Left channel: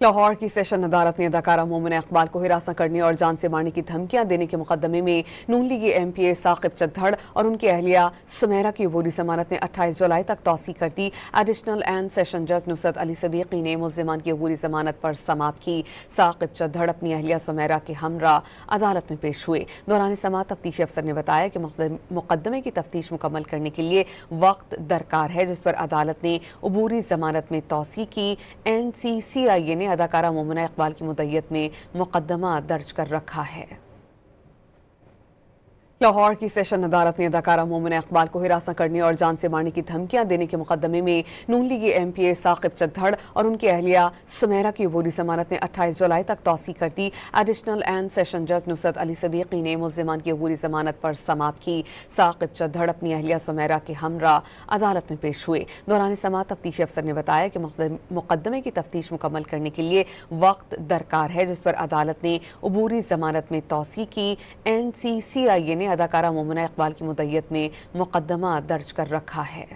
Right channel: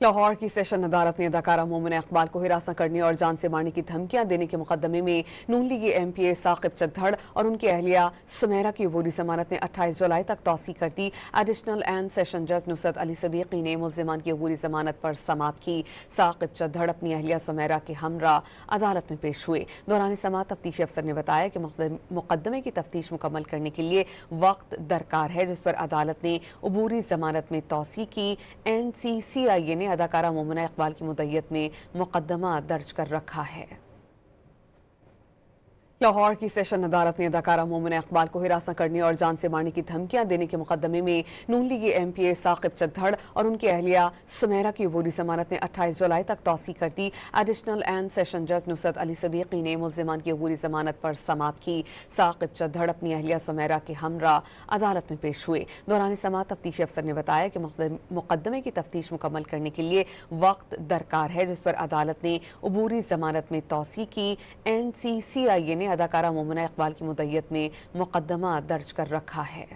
लाहौर की सेशन अदालत ने अदाकारा मोमिना इकबाल को हिरासत करने और जान से मारने की धमकियां देने के मुकदमे में नून लीगी एमपीए साकिब चद्दड़ और उनकी अहलिया सुमेरा की अबूरी जमानत में 28 जुलाई तक तौसी कर दी। एडिशनल एंड सेशन जज नुसरत अली सदीकी ने मुल्जिमान की अबूरी जमानत पर समाअत की। साकिब चद्दड़ अपनी अहलिया सुमेरा के हमरा अदालत में पेश हुए। दौरान समाअत तफ्तीशी अफसर ने बताया कि मुकदमे की तफ्तीश मुकम्मल करने के लिए वक्त दरकार है, जिस पर अदालत ने अबूरी जमानत में तौसी की। NCCIA ने अदाकारा मोमिना इकबाल की मुद्दत में मुकदमा दर्ज कर रखा है। लाहौर की सेशन अदालत ने अदाकारा मोमिना इकबाल को हिरासत करने और जान से मारने की धमकियां देने के मुकदमे में नून लीगी एमपीए साकिब चद्दड़ और उनकी अहलिया सुमेरा की अबूरी जमानत में 28 जुलाई तक तौसी कर दी। एडिशनल एंड सेशन जज नुसरत अली सदीकी ने मुल्जिमान की अबूरी जमानत पर समाअत की। साकिब चद्दड़ अपनी अहलिया सुमेरा के हमरा अदालत में पेश हुए। दौरान समाअत तफ्तीशी अफसर ने बताया कि मुकदमे की तफ्तीश मुकम्मल करने के लिए वक्त दरकार है, जिस पर अदालत ने अबूरी जमानत में तौसी की। NCCIA ने अदाकारा मोमिना इकबाल की मुद्दत में मुकदमा दर्ज कर रखा है।